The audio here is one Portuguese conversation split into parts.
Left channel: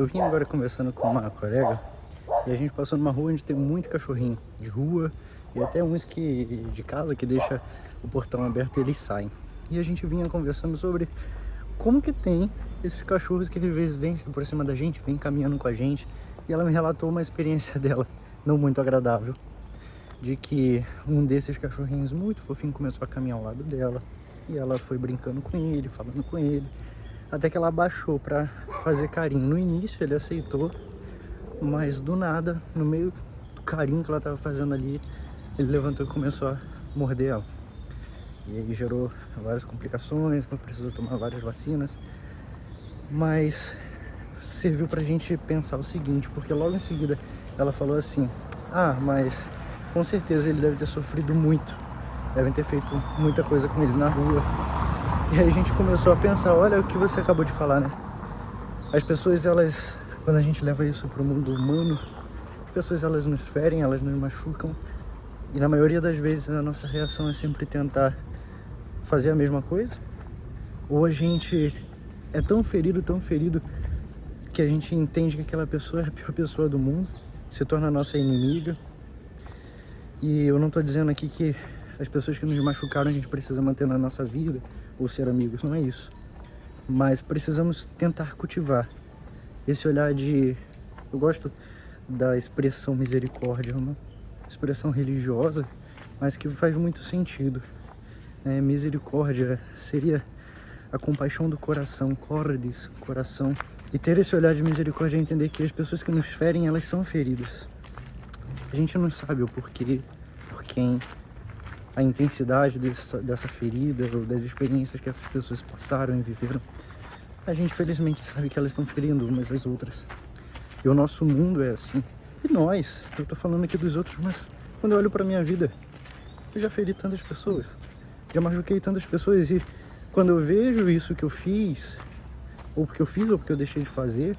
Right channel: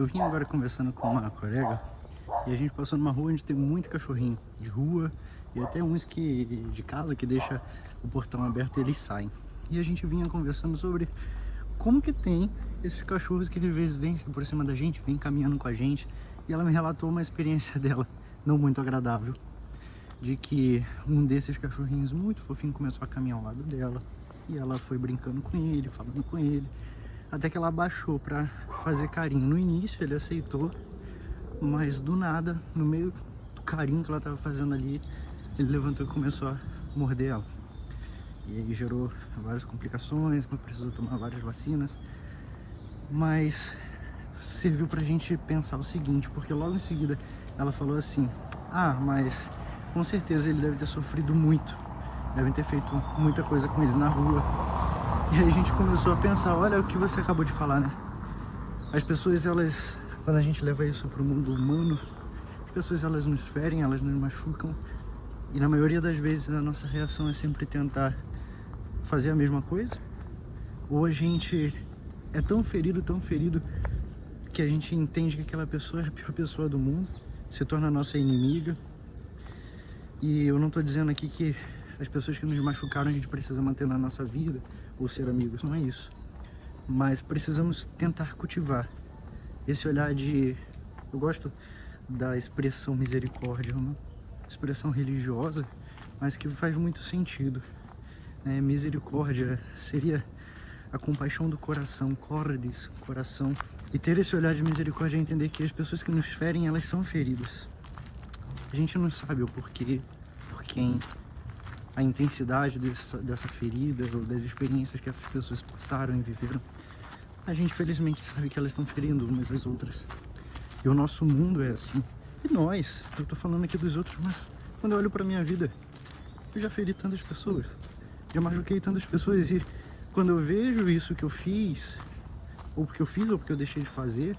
Eu vim agora conversando com uma colega e a gente passou numa rua onde tem muito cachorrinho de rua e até uns que de casa que deixa o portão aberto e eles saem. E a gente vinha conversando sobre como que tem esses cachorros que às vezes vêm por cima da gente, vêm caminhando com a gente. E ela me relatou uma experiência dela não muito agradável, de que um desses cachorrinhos muito fofinho começou a caminhar ao lado dela e ela foi brincando com ele, falando com ele, até que ela abaixou para fazer carinho. No início ele aceitou, mas do nada, no meio do carinho que ela estava fazendo ali, ele levantou e começou a morder ela. E aí gerou várias complicações, precisou tomar várias vacinas, mas serviu pra gente pensar o seguinte, porque logo em seguida ela falou assim: ah, mas com certeza ele deve ter sofrido muito, devem ter feito muita coisa com ele na rua. E aí a gente começou a pensar, olha o que você acabou de falar, né? As pessoas, elas, quando a gente leva isso pro mundo humano, as pessoas, elas nos ferem, elas nos machucam, e na maioria das vezes a nossa reação é sempre tentar fazer a mesma coisa, ou a gente é tão ferido, que a gente entende que aquela pessoa é a pior pessoa do mundo, se torna a nossa inimiga. E eu não estou dizendo aqui que as pessoas que nos machucaram a gente precisa manter na nossa vida ou ser amigos, não é isso. Mas precisamos tentar cultivar esse olhar de... Eu gosto da expressão misericórdia, uma expressão religiosa, mas que faz muito sentido. Misericórdia seria a compaixão do coração, cordis, coração. E ter esse olhar de misericórdia é entender que as pessoas que nos ferem, elas são feridas. A gente não sabe o porquê, por quem, a intensidade dessa ferida, ou das experiências que essas pessoas passaram e viveram. A gente felizmente sabe que elas estão ferindo umas às outras. E o nosso mundo é assim. E nós, eu tô falando aqui dos outros, mas quando eu olho pra minha vida, eu já feri tantas pessoas, já machuquei tantas pessoas, e quando eu vejo isso que eu fiz, ou porque eu fiz ou porque eu deixei de fazer,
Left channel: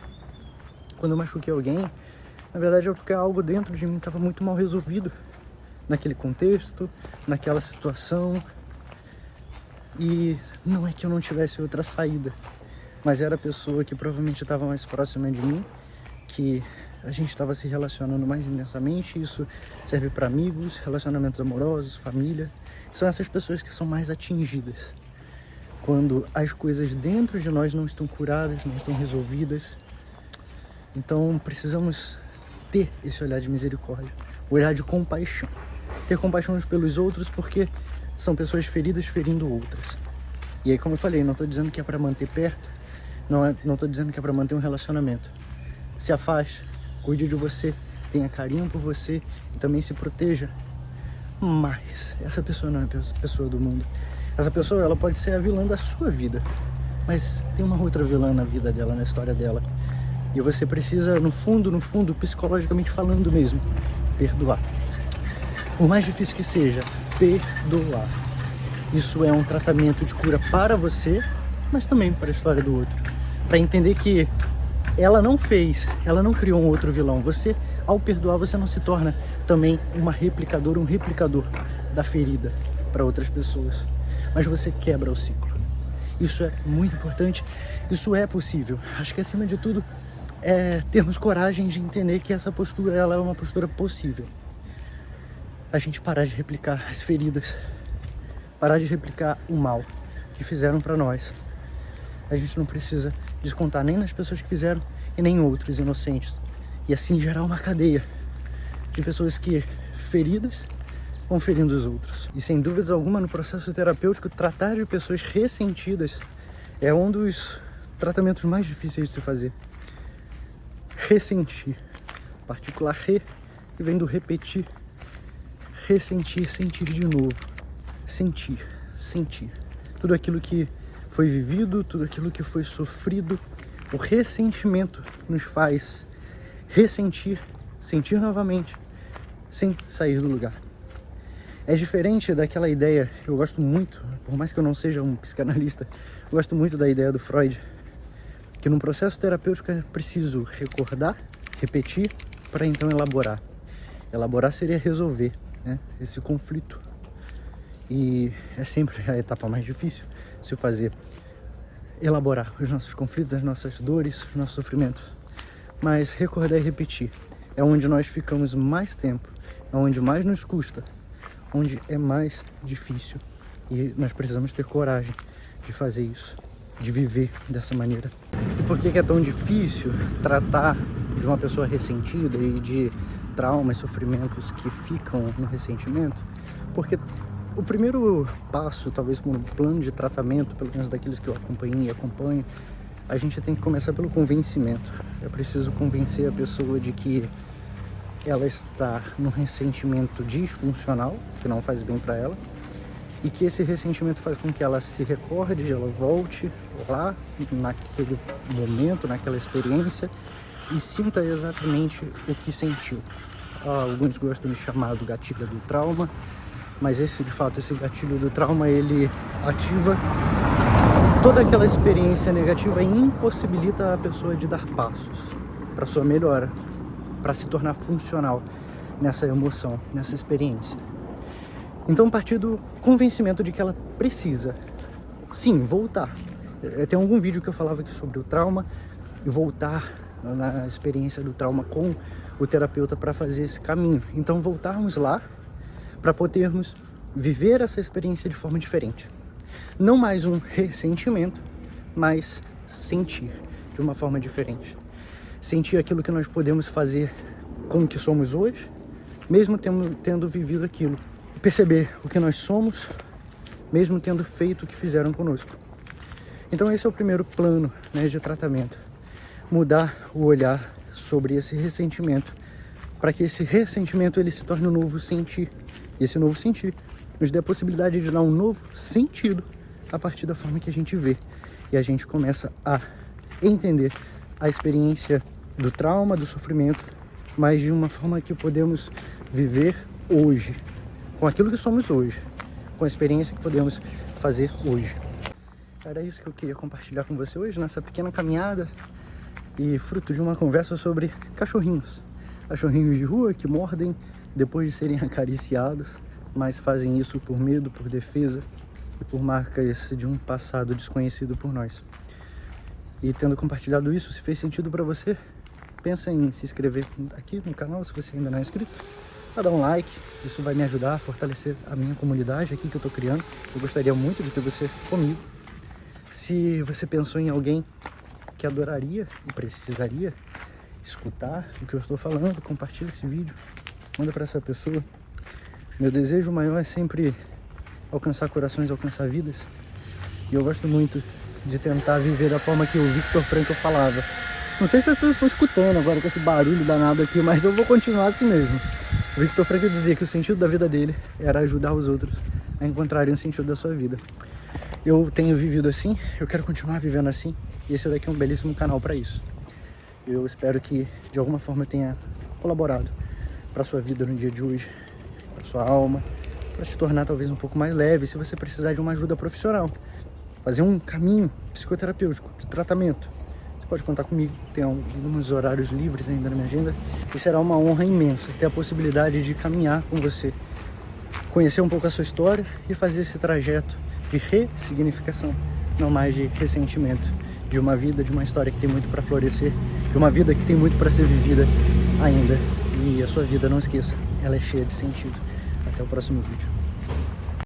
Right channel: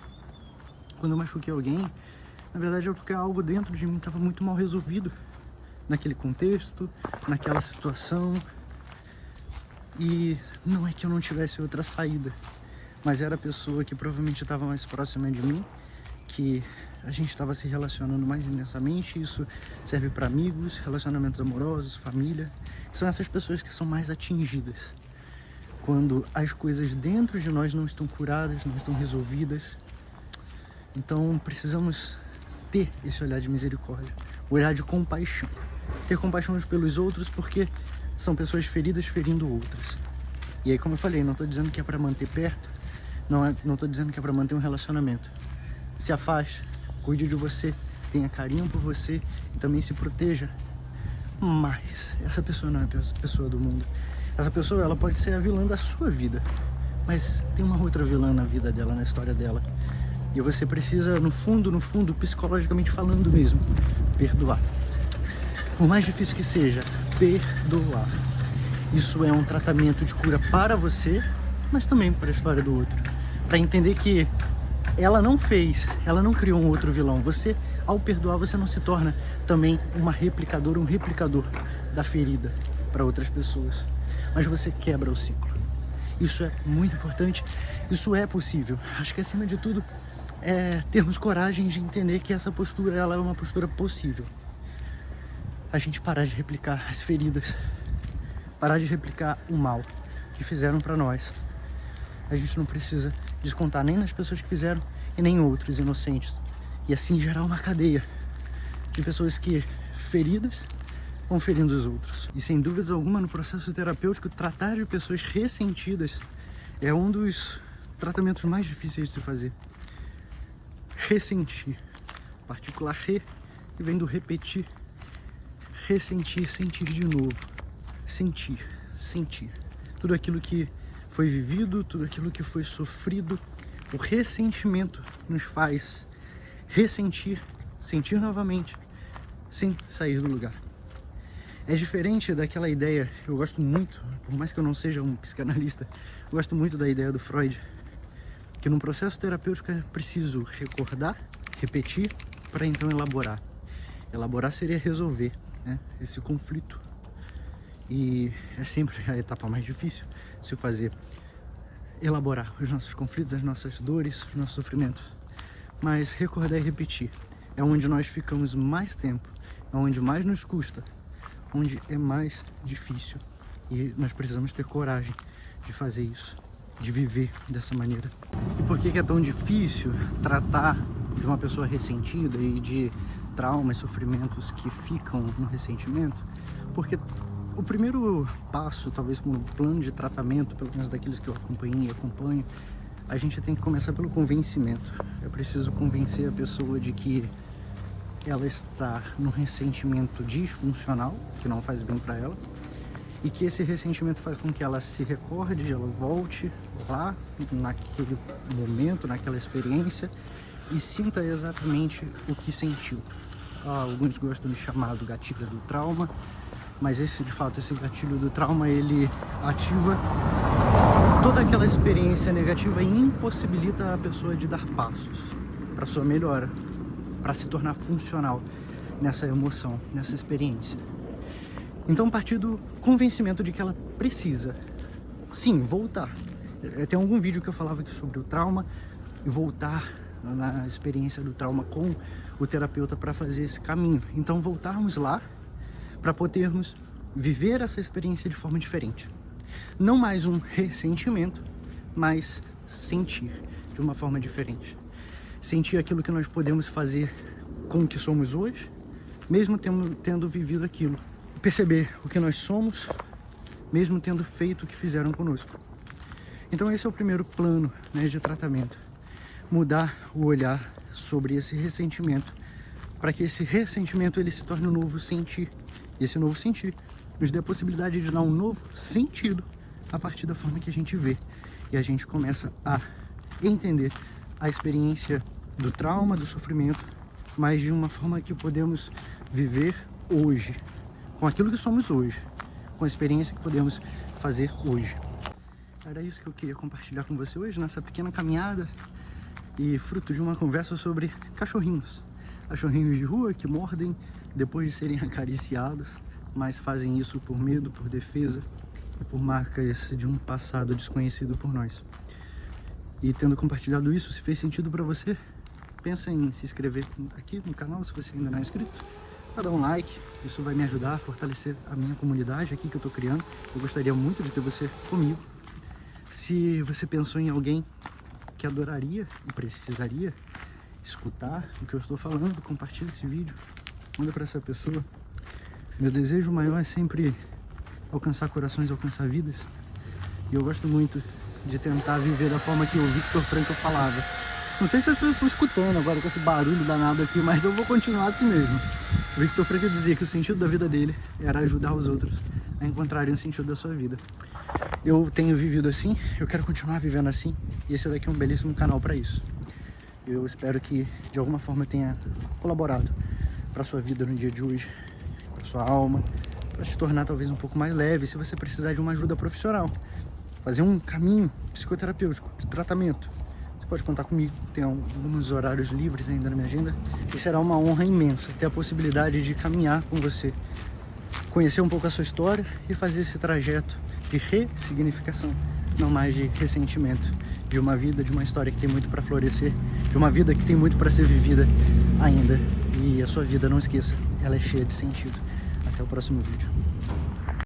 quando eu machuquei alguém, na verdade é porque algo dentro de mim estava muito mal resolvido naquele contexto, naquela situação. E não é que eu não tivesse outra saída, mas era a pessoa que provavelmente estava mais próxima de mim, que a gente estava se relacionando mais intensamente. Isso serve para amigos, relacionamentos amorosos, família. São essas pessoas que são mais atingidas quando as coisas dentro de nós não estão curadas, não estão resolvidas. Então precisamos ter esse olhar de misericórdia, olhar de compaixão. Ter compaixão uns pelos outros, porque são pessoas feridas ferindo outras. E aí, como eu falei, não estou dizendo que é para manter perto, não estou dizendo que é para manter um relacionamento. Se afaste, cuide de você, tenha carinho por você e também se proteja. Mas essa pessoa não é a pessoa do mundo. Essa pessoa, ela pode ser a vilã da sua vida, mas tem uma outra vilã na vida dela, na história dela. E você precisa, no fundo, psicologicamente falando mesmo, perdoar. Por mais difícil que seja, perdoar. Isso é um tratamento de cura para você, mas também para a história do outro. Para entender que ela não criou um outro vilão. Você, ao perdoar, você não se torna também uma replicadora, um replicador da ferida para outras pessoas. Mas você quebra o ciclo. Isso é muito importante, isso é possível. Acho que acima de tudo é termos coragem de entender que essa postura, ela é uma postura possível. A gente parar de replicar as feridas, parar de replicar o mal que fizeram para nós. A gente não precisa descontar nem nas pessoas que fizeram e nem em outros inocentes. E assim gerar uma cadeia de pessoas que, feridas, vão ferindo os outros. E sem dúvidas alguma, no processo terapêutico, tratar de pessoas ressentidas é um dos tratamentos mais difíceis de se fazer. Ressentir, particular re, que vem do repetir, ressentir, sentir de novo, sentir. Tudo aquilo que foi vivido, tudo aquilo que foi sofrido, o ressentimento nos faz ressentir, sentir novamente, sem sair do lugar. É diferente daquela ideia, eu gosto muito, por mais que eu não seja um psicanalista, eu gosto muito da ideia do Freud, que num processo terapêutico é preciso recordar, repetir, para então elaborar. Elaborar seria resolver, né, esse conflito. E é sempre a etapa mais difícil se fazer, elaborar os nossos conflitos, as nossas dores, os nossos sofrimentos. mas recordar e repetir é onde nós ficamos mais tempo, é onde mais nos custa, onde é mais difícil. E nós precisamos ter coragem de fazer isso, de viver dessa maneira. E por que é tão difícil tratar de uma pessoa ressentida e de traumas, sofrimentos que ficam no ressentimento? Porque o primeiro passo, talvez com um plano de tratamento, pelo menos daqueles que eu acompanhei e acompanho, a gente tem que começar pelo convencimento. Eu preciso convencer a pessoa de que ela está num ressentimento disfuncional, que não faz bem para ela, e que esse ressentimento faz com que ela se recorde, ela volte lá naquele momento, naquela experiência, e sinta exatamente o que sentiu. Alguns gostam de chamar do gatilho do trauma, mas esse gatilho do trauma, ele ativa toda aquela experiência negativa e impossibilita a pessoa de dar passos para sua melhora, para se tornar funcional nessa emoção, nessa experiência. Então, a partir do convencimento de que ela precisa, sim, voltar. Tem algum vídeo que eu falava aqui sobre o trauma e voltar na experiência do trauma com o terapeuta para fazer esse caminho. Então, voltarmos lá para podermos viver essa experiência de forma diferente. Não mais um ressentimento, mas sentir de uma forma diferente. Sentir aquilo que nós podemos fazer com o que somos hoje, mesmo tendo vivido aquilo. Perceber o que nós somos, mesmo tendo feito o que fizeram conosco. Então esse é o primeiro plano, né, de tratamento. Mudar o olhar sobre esse ressentimento, para que esse ressentimento ele se torne um novo sentir. E esse novo sentir nos dê a possibilidade de dar um novo sentido a partir da forma que a gente vê. E a gente começa a entender a experiência do trauma, do sofrimento, mas de uma forma que podemos viver hoje, com aquilo que somos hoje, com a experiência que podemos fazer hoje. Era isso que eu queria compartilhar com você hoje, nessa pequena caminhada e fruto de uma conversa sobre cachorrinhos. Cachorrinhos de rua que mordem depois de serem acariciados, mas fazem isso por medo, por defesa e por marcas de um passado desconhecido por nós. E tendo compartilhado isso, se fez sentido para você, pensa em se inscrever aqui no canal, se você ainda não é inscrito, para dar um like. Isso vai me ajudar a fortalecer a minha comunidade aqui que eu estou criando. Eu gostaria muito de ter você comigo. Se você pensou em alguém que adoraria e precisaria escutar o que eu estou falando, compartilhe esse vídeo, manda para essa pessoa. Meu desejo maior é sempre alcançar corações, alcançar vidas. E eu gosto muito de tentar viver da forma que o Viktor Frankl falava. Não sei se as pessoas estão escutando agora com esse barulho danado aqui, mas eu vou continuar assim mesmo. O Viktor Frankl dizia que o sentido da vida dele era ajudar os outros a encontrarem o sentido da sua vida. Eu tenho vivido assim, eu quero continuar vivendo assim, e esse daqui é um belíssimo canal para isso. Eu espero que de alguma forma eu tenha colaborado para sua vida no dia de hoje, para sua alma, para te tornar talvez um pouco mais leve, se você precisar de uma ajuda profissional, fazer um caminho psicoterapêutico, de tratamento. Você pode contar comigo, tem alguns horários livres ainda na minha agenda, e será uma honra imensa ter a possibilidade de caminhar com você, conhecer um pouco a sua história e fazer esse trajeto de ressignificação, não mais de ressentimento, de uma vida, de uma história que tem muito para florescer, de uma vida que tem muito para ser vivida ainda. E a sua vida, não esqueça, ela é cheia de sentido. Até o próximo vídeo.